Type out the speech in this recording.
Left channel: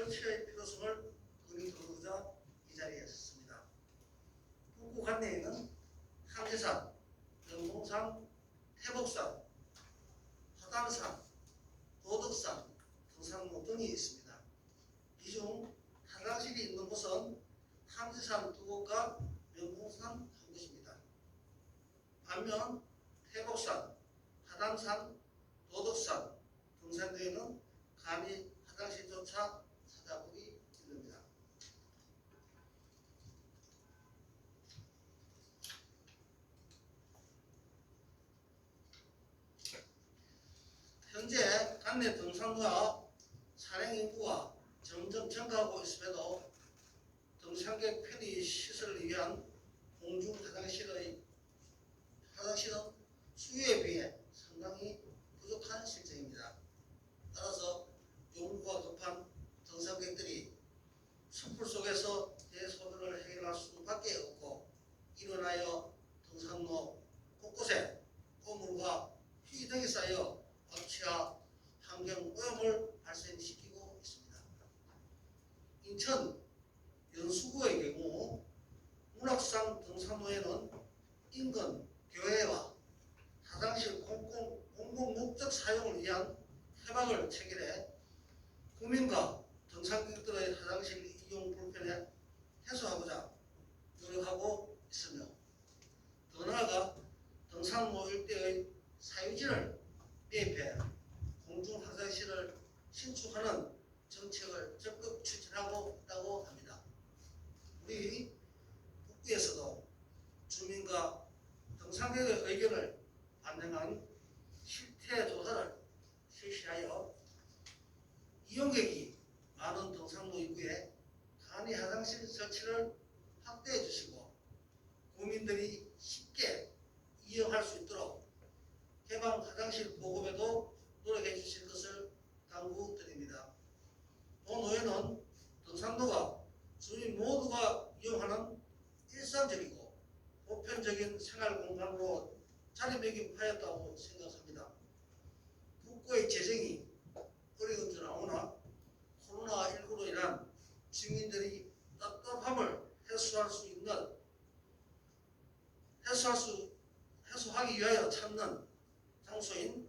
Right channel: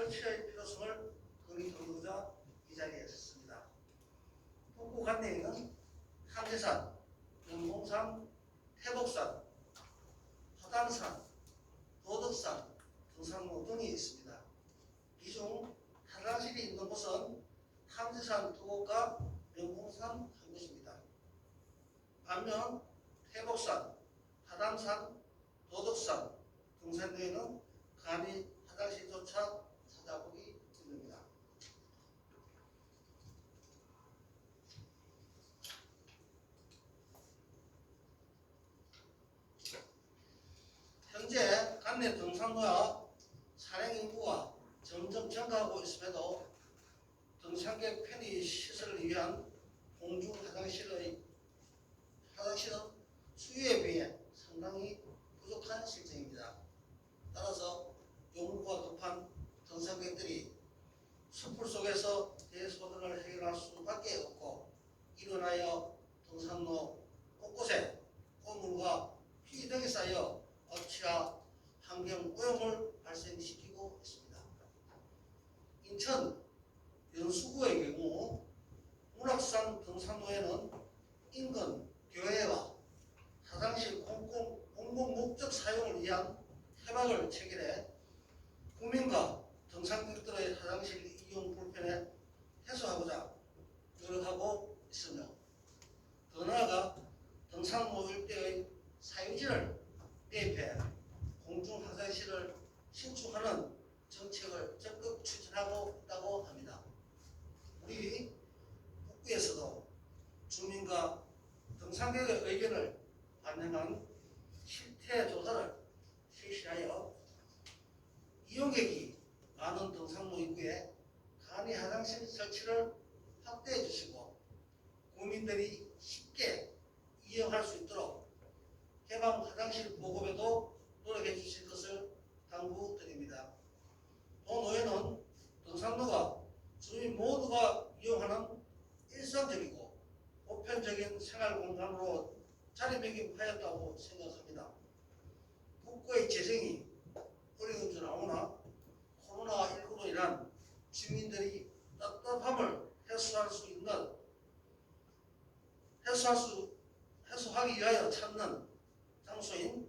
설치의 필요성을 건의토로자 이 자리에 섰습니다. 북구 관내에는 탐지산, 영봉산, 태복산, 화담산, 도덕산, 등산로 등이 있습니다. 이 중 한강실이 있는 곳은 탐지산 두 곳과 명봉산 한 곳입니다. 반면 태복산, 하담산, 도덕산, 등산로에는 감히 화장실조차 男的整三个啊 인천 연수구의 경우 문학산 등산로에는 인근 교회와 화장실 공공, 공공 목적 사용을 위한 해박을 체결해 국민과 등산객들의 화장실 이용 불편에 해소하고자 노력하고 있으며 더 나아가 등산로 일대의 사유지를 대입해 공중 화장실을 신축하는 정책을 적극 추진하고 있다고 합니다. 우리 북부에서도 주민과 등산객의 의견을 반영한 실태 조사를 실시하여 이용객이 많은 등산로 입구에 간이 화장실 설치를 확대해 주시고 국민들이 쉽게 이용할 수 있도록 개방 화장실 보급에도 노력해 주실 것을 당부드립니다. 도노에는 등산로가 주민 모두가 이용하는 일상적이고 보편적인 생활 공간으로 자리매김하였다고 생각합니다. 국가의 재정이 어려운 줄 아오나 코로나19로 인한 주민들이 답답함을 해소할 수 있는 해소할 수 해소하기 위하여 찾는 장소인